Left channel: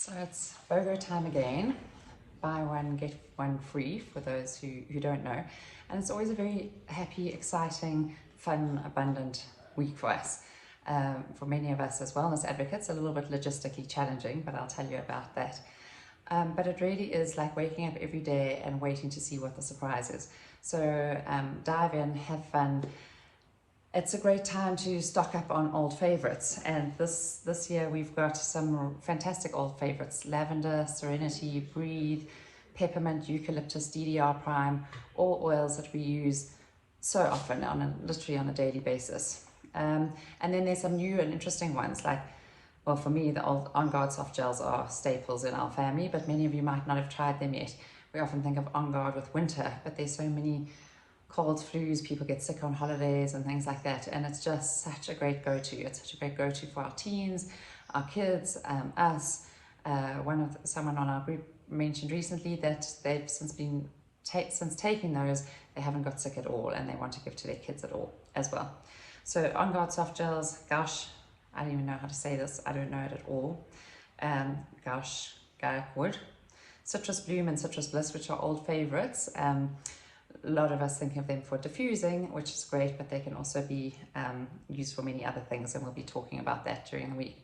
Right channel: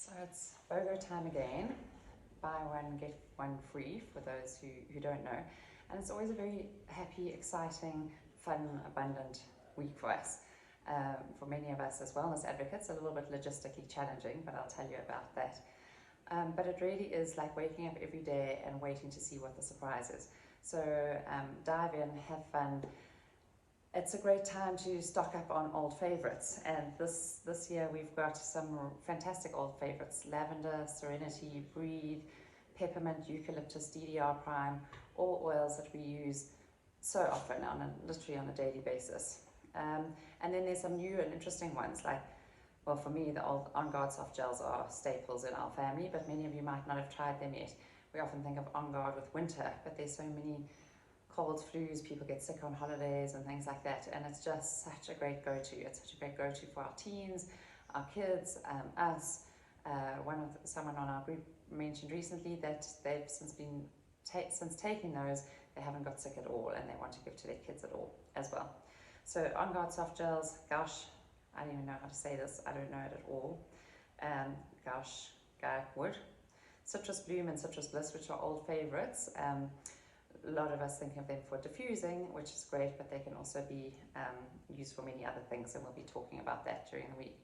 So it's BOGO time again. Buy one, get one free for those who don't know. And it's always a very happy, exciting, fun, abundant week for us. For many of us as wellness advocates, a little bit logistically challenging, but I'll tell you about that. But it really is like waking up every day and waiting to see what the surprise is. So dive in, have fun. It's a great time to stock up on old favorites, and this year we've got some fantastic old favorites: lavender, serenity, breathe, peppermint, eucalyptus, DDR prime, all oils that we use so often literally on a daily basis. And then there's some new and interesting ones like, well, for me, the old On Guard soft gels are staples in our family, but many of you might not have tried them yet. We often think of On Guard with winter, but there's so many colds, flus, people get sick on holidays and things like that, and it's just such a great go-to. It's such a great go-to for our teens, our kids, us. Someone on our group mentioned recently that they've since taking those, they haven't got sick at all, and they want to give to their kids at all as well. So On Guard soft gels, gosh, I don't even know how to say this. I don't know it at all. Gosh, Wood, Citrus Bloom and Citrus Bliss, which are old favorites. A lot of us think of them for diffusing, which is great, but they can also be used for many other things, and we'll be talking about that during the week.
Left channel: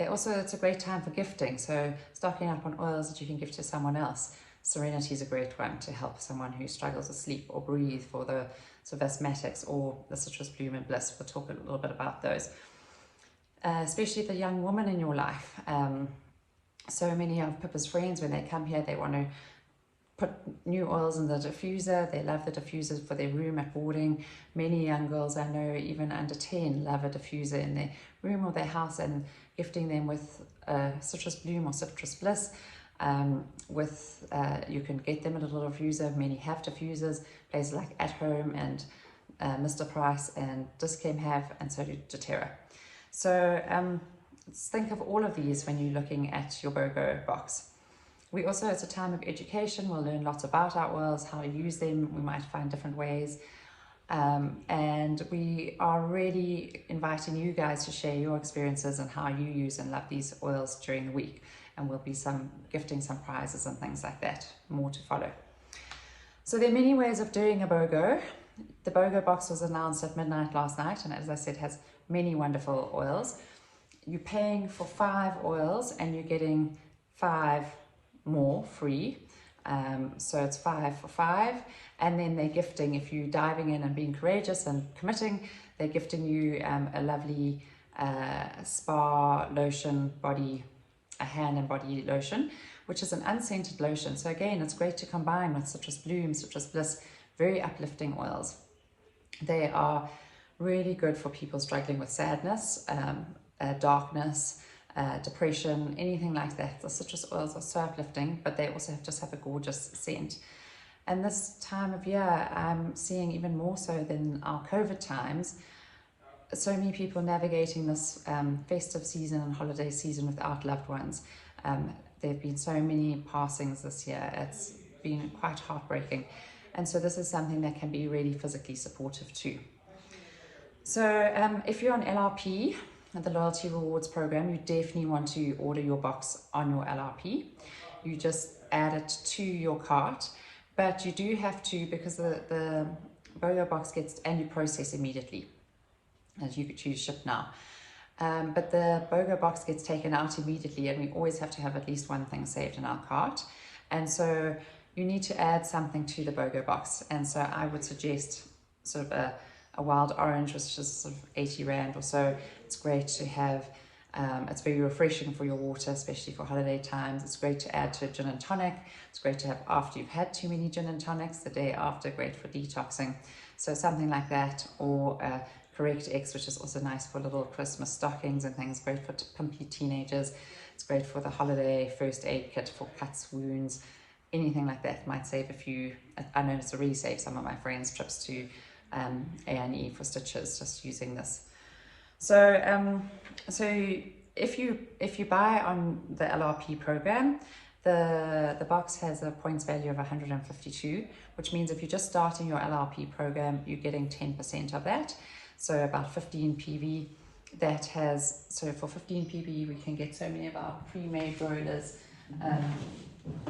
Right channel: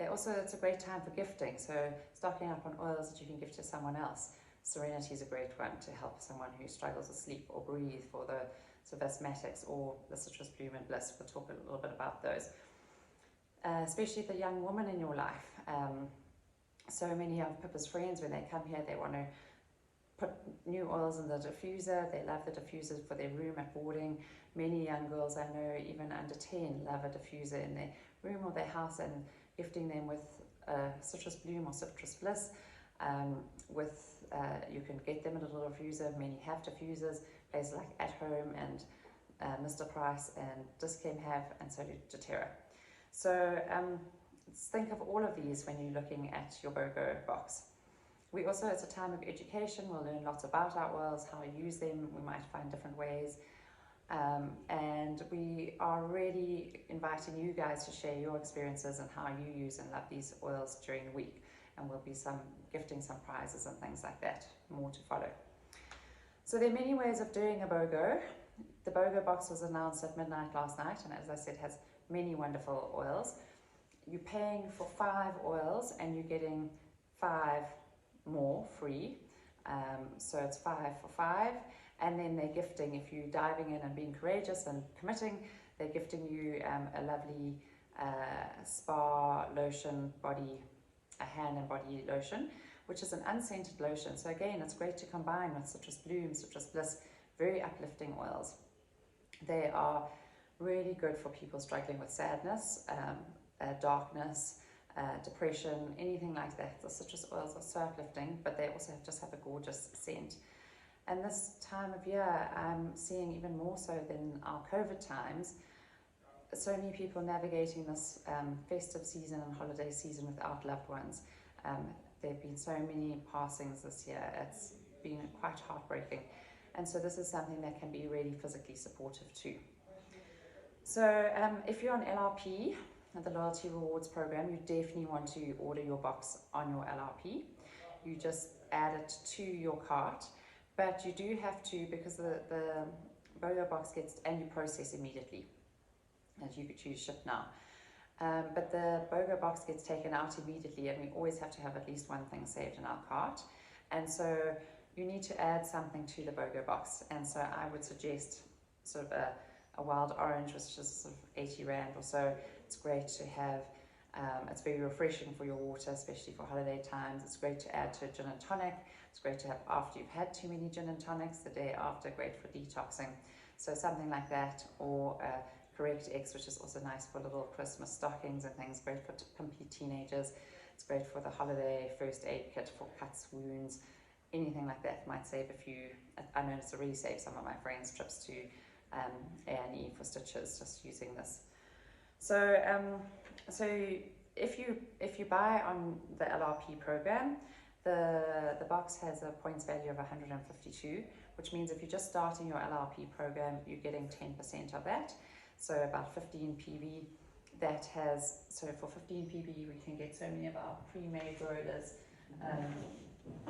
It's a great time for gifting, so stocking up on oils that you can give to someone else. Serenity is a great one to help someone who struggles with sleep, or breathe for the sort of asthmatics, or the Citrus Bloom and Bliss. We'll talk a little bit about those. Especially the young woman in your life. So many of Pippa's friends, when they come here, they want to put new oils in the diffuser. They love the diffusers for their room at boarding. Many young girls I know, even under 10, love a diffuser in their room or their house, and gifting them with Citrus Bloom or Citrus Bliss. You can get them a little diffuser. Many have diffusers. Places like At Home and Mr. Price and Dischem have, and so do doTERRA. So think of all of these when you're looking at your BOGO box. It's a time of education. We'll learn lots about our oils, how to use them. We might find different ways. And we are really inviting you guys to share your experiences and how you use and love these oils during the week. And we'll be gifting some prizes and things like that, more to follow. So there are many ways of doing a BOGO. The BOGO box was announced at midnight last night, and as I said, has many wonderful oils. You're paying for 5 oils and you're getting 5 more free. So it's 5 for 5, and then they're gifting, if you're diving in and being courageous and committing, they're gifting you a lovely spa lotion, a hand and body lotion, which is an unscented lotion. So again, it's great to combine with Citrus Bloom, Citrus Bliss, very uplifting oils. They are really good for people struggling with sadness, darkness, depression, anything like that. The citrus oils are so uplifting, but they also just have a gorgeous scent. And this time of year, I'm seeing even more so than our COVID times, so many people navigating this festive season and holiday season without loved ones. There have been so many passings this year. It's been quite heartbreaking. And so this is something that can be really physically supportive too. So if you're on LRP, the Loyalty Rewards Program, you definitely want to order your box on your LRP. You just add it to your cart, but you do have to, because the BOGO box and you process immediately, as you could choose ship now. But the BOGO box gets taken out immediately, and we always have to have at least one thing saved in our cart. And so you need to add something to the BOGO box. And so I would suggest sort of a wild orange, which is sort of 80 Rand or so. It's great to have. It's very refreshing for your water, especially for holiday times. It's great to add to a gin and tonic. It's great to have after you've had too many gin and tonics, the day after, great for detoxing. So something like that, or Correct X, which is also nice for little Christmas stockings and things, great for pimpy teenagers. It's great for the holiday first aid kit for cuts, wounds, anything like that. Might save a few. I know it's already saved some of my friends' trips to A&E for stitches, just using this. So if you buy on the LRP program, the box has a points value of 152, which means if you're just starting your LRP program, you're getting 10% of that, so about 15 PV. that has, so for 15 PB we can get so many of our pre-made rollers,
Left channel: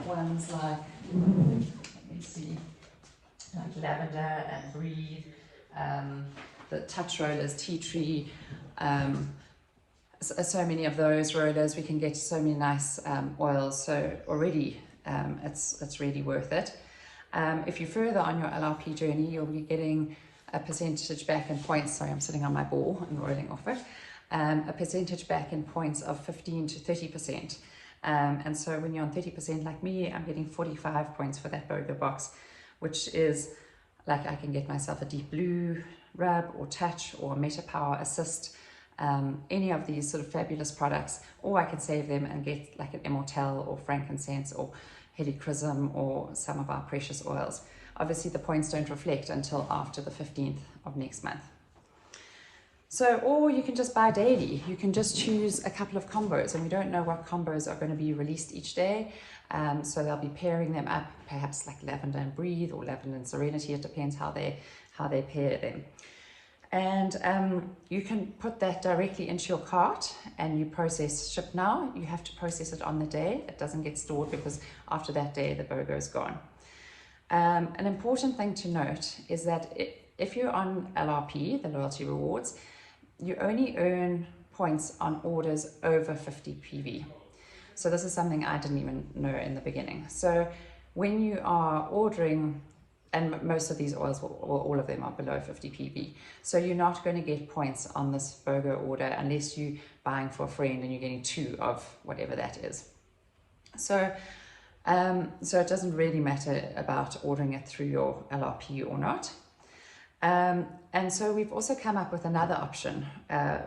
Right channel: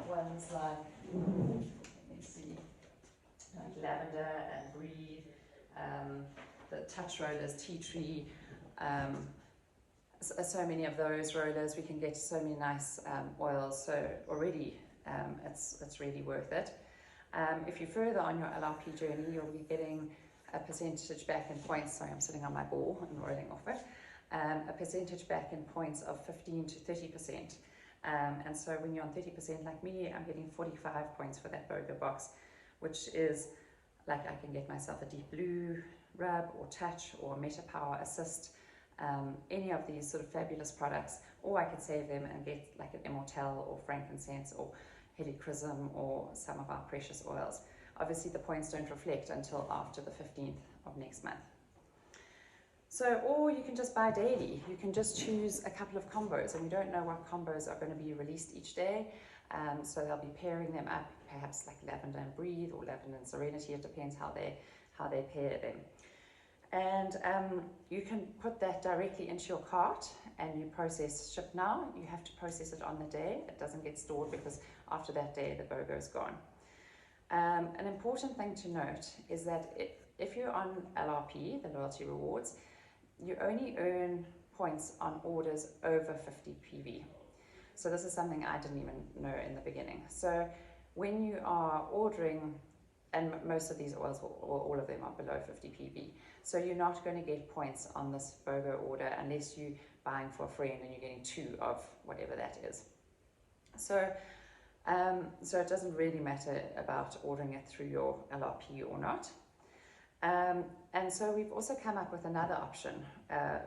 ones like, let me see, like lavender and breathe, the touch rollers, tea tree, so many of those rollers. We can get so many nice oils, so already it's really worth it. If you're further on your LRP journey, you'll be getting a percentage back in points. Sorry, I'm sitting on my ball and rolling off it. A percentage back in points of 15 to 30%. And so when you're on 30% like me, I'm getting 45 points for that BOGO box, which is like I can get myself a deep blue rub or touch or Meta Power Assist, any of these sort of fabulous products, or I can save them and get like an Immortelle or frankincense or helichrysum or some of our precious oils. Obviously the points don't reflect until after the 15th of next month. So, or you can just buy daily. You can just choose a couple of combos, and we don't know what combos are going to be released each day. So they'll be pairing them up, perhaps like lavender and breathe or lavender and serenity. It depends how they pair them. And you can put that directly into your cart and you process ship now. You have to process it on the day. It doesn't get stored because after that day the BOGO is gone. An important thing to note is that if you're on LRP, the loyalty rewards, you only earn points on orders over 50 PV. So this is something I didn't even know in the beginning. So when you are ordering, and most of these oils, or all of them, are below 50 PV. So you're not going to get points on this BOGO order unless you're buying for a friend and you're getting 2 of whatever that is. So it doesn't really matter about ordering it through your LRP or not. And so we've also come up with another option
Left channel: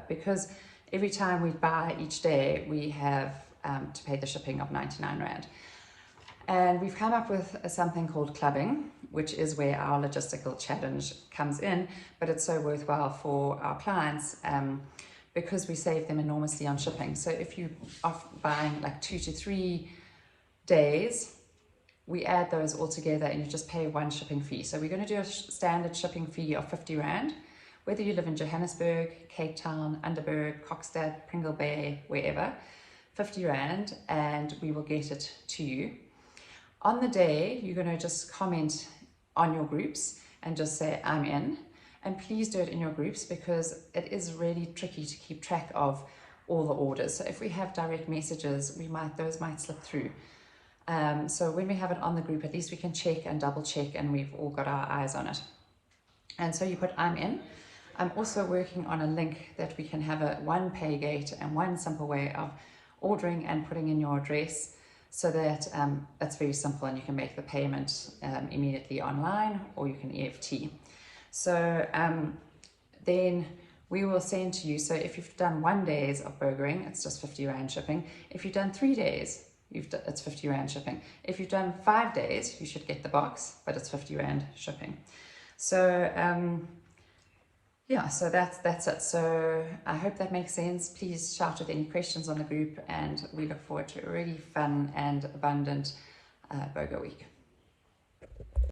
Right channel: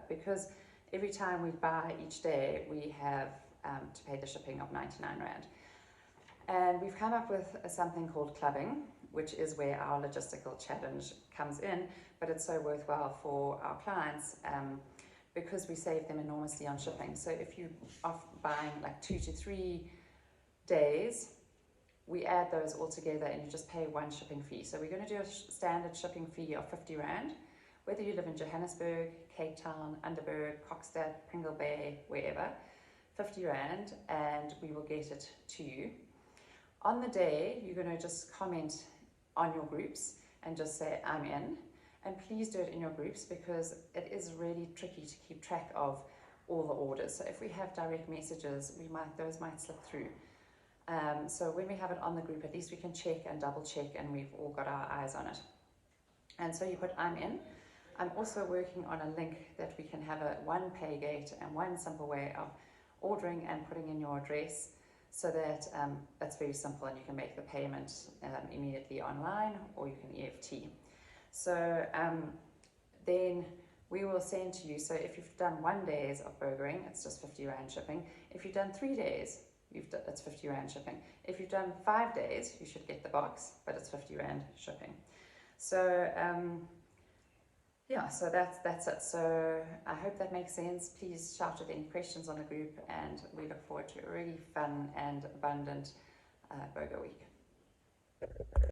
because every time we buy each day, we have to pay the shipping of 99 Rand. And we've come up with something called clubbing, which is where our logistical challenge comes in, but it's so worthwhile for our clients because we save them enormously on shipping. So if you are buying like 2 to 3 days, we add those all together and you just pay 1 shipping fee. So we're going to do a standard shipping fee of 50 Rand, whether you live in Johannesburg, Cape Town, Underberg, Kokstad, Pringle Bay, wherever, 50 Rand, and we will get it to you. On the day, you're going to just comment on your groups and just say, I'm in. And please do it in your groups because it is really tricky to keep track of all the orders. So if we have direct messages, those might slip through. So when we have it on the group, at least we can check and double check and we've all got our eyes on it. And so you put I'm in. I'm also working on a link that we can have one pay gate and one simple way of ordering and putting in your address so that it's very simple and you can make the payment immediately online or you can EFT. So then we will send to you, so if you've done 1 day of BOGOing, it's just 50 Rand shipping. If you've done 3 days, it's 50 Rand shipping. If you've done 5 days, you should get the box, but it's 50 Rand shipping. So yeah, so that's it. So I hope that makes sense. Please shout with any questions on the group, and we look forward to a really fun and abundant BOGO week.